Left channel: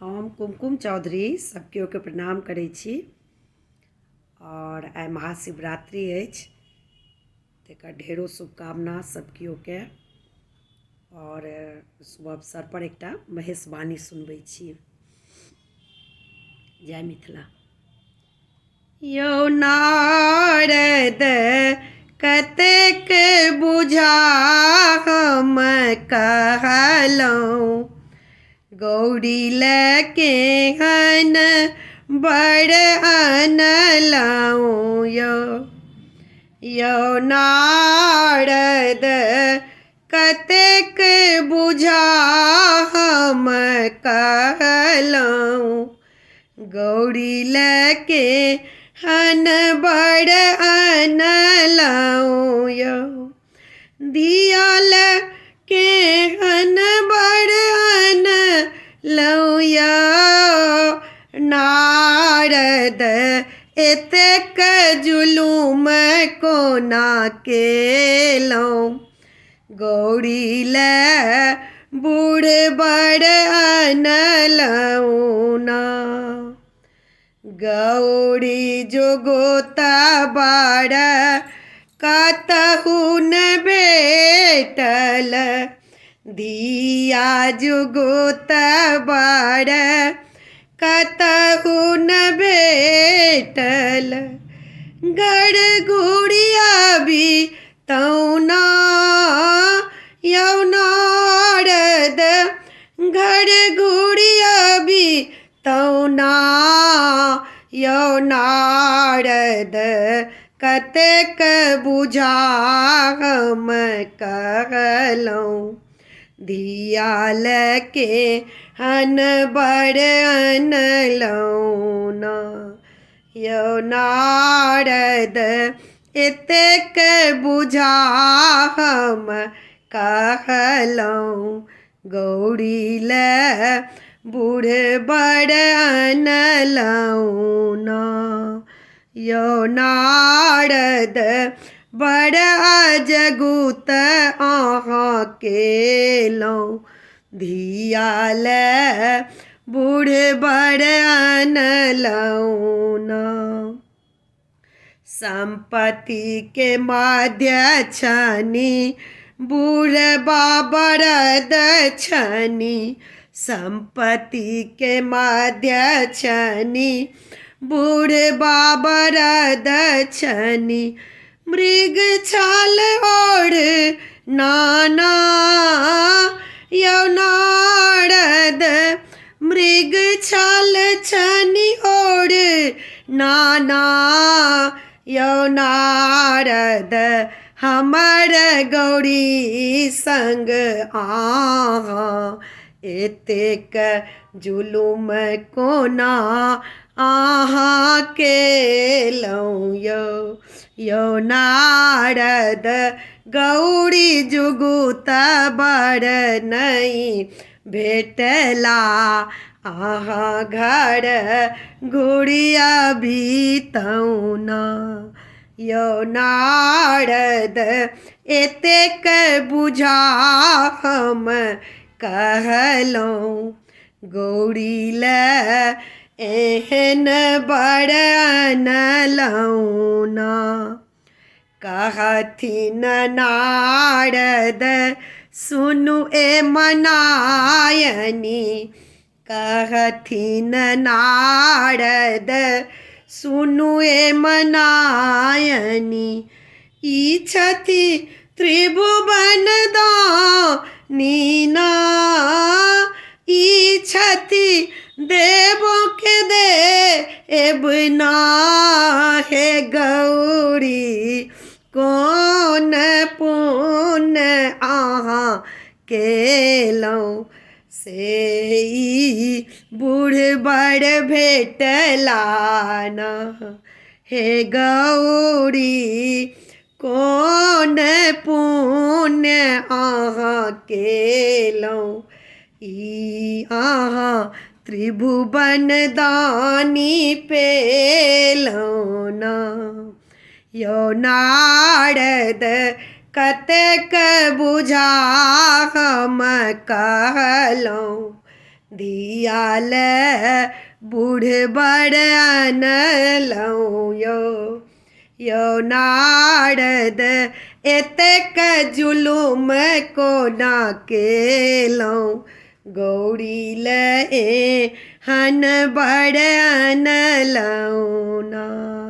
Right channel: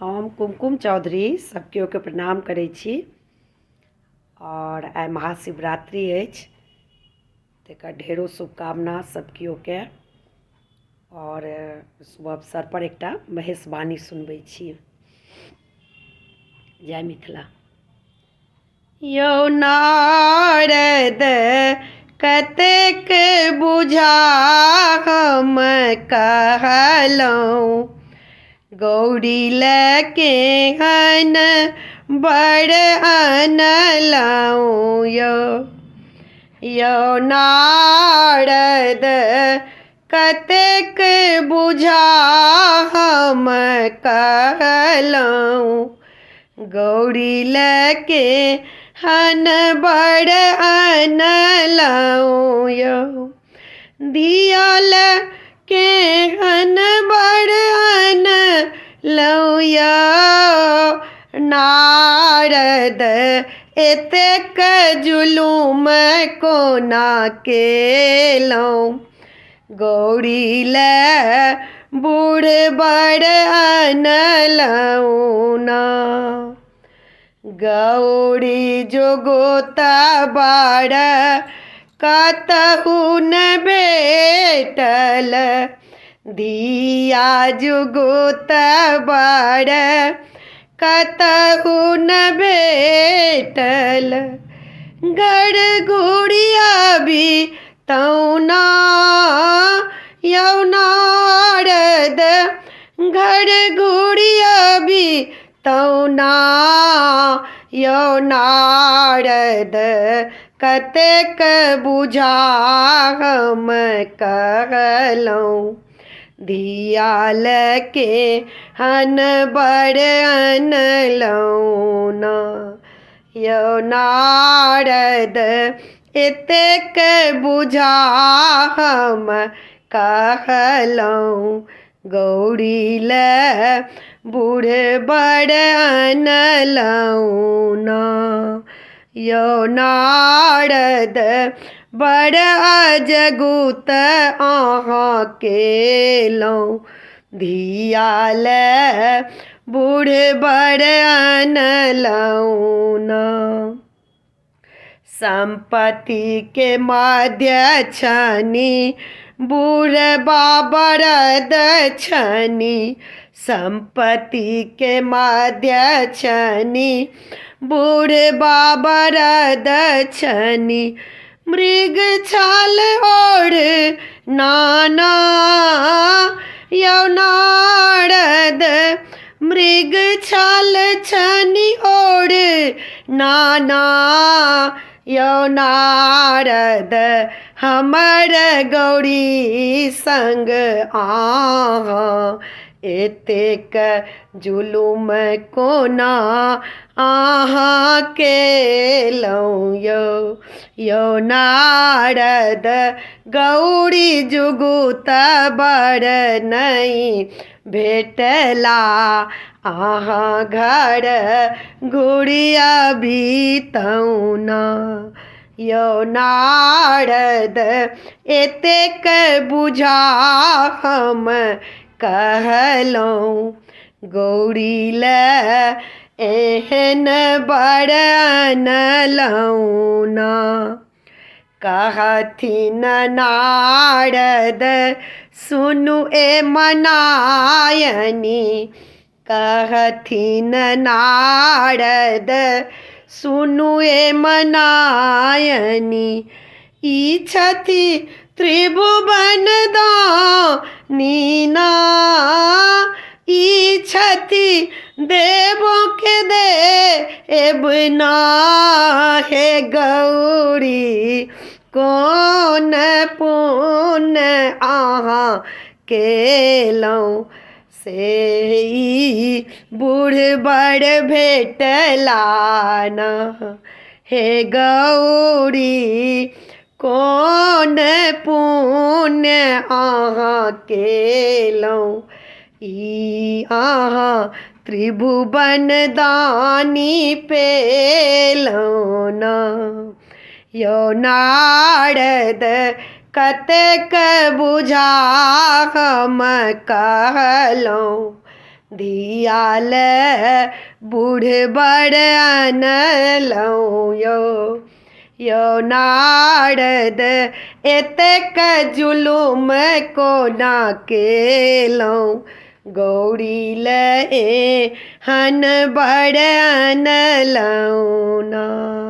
हम कुमकुम चौधरी सबकेओ के प्रणाम करै छी और आइ महाशिवरात्रि अछि तकर ढेरो शुभकामना सबकेओ के और शुभ अवसर पर एकटा महेशवाणी सुनबै छी। जय मिथिला। यौ नारद कतेक बुझा हम कहलहुँ, गौरी लके हन बड़ अनलहुँ। यौ नारद कतेक बुझा हम कहलहुँ, गौरी लके हन बड़ अनलहुँ। यौ धियाल के हन बड़ अनलहुँ। यौ नारद एतेक जुलुम कोना केलहुँ, गौरी लए बूढ़ बड़ अनलहुँ ना। गौरी जोगोता बड़ कतहु न भेटल, धिया जुगोता बड़ कतहु न भेटल। घर घुरिया भी तौना यौ नारद, घर घुरिया भी तौना। यौ नारद कतेक बुझा हम कहलहुँ, धियाल के हन बड़ अनलहुँ ना। यौ नारद एतेक बुझा हम कहलहुँ, गौरी लए बूढ़ बड़ अनलहुँ ना। यौ नारद बड़ अजगुत अहाँ केलहुँ, धियाल बूढ़ बड़ अनलहुँ ना। संपत्ति के मध्य छनी बूढ़ बरद छनी, संपत्ति के मध्य छनी बूढ़ बरद छनी। मृग छाल ओढ़ नाना यौ नारद, मृग छाल छनी ओढ़ नाना। यौ नारद हमर गौरी संग अहाँ एतेक जुलुम कोना अहाँ केलहुँ। यौ नारद गौरी जुगुत बड़ नहीं भेटला, अहाँ घर घुरिया भी तौना। यौ नारद एतेक बुझा हम कहलहुँ, गौरी लए एहन बड़ अनलहुँ ना। कहथिन नारद सुनु ए मनायनी, कहथिन नारद सुनु ए मनायनी। ई छथि त्रिभुवन दानी ना, ई छथि देवों के देव ना। हे गौरी कौन पुण्य अहाँ केलहुँ, से बूढ़ बड़ भेटला ना। हे गौरी कौन पुण्य अहाँ केलहुँ, ई अहाँ त्रिभुवन दानी पेलहुँ ना। यौ नारद कतेक बुझा हम कहलहुँ, धियाल बूढ़ बड़ अनलहुँ यो नारद एतेक जुलुम कोना केलहुँ गौरी लए हन बड़ अनलहुँ ना।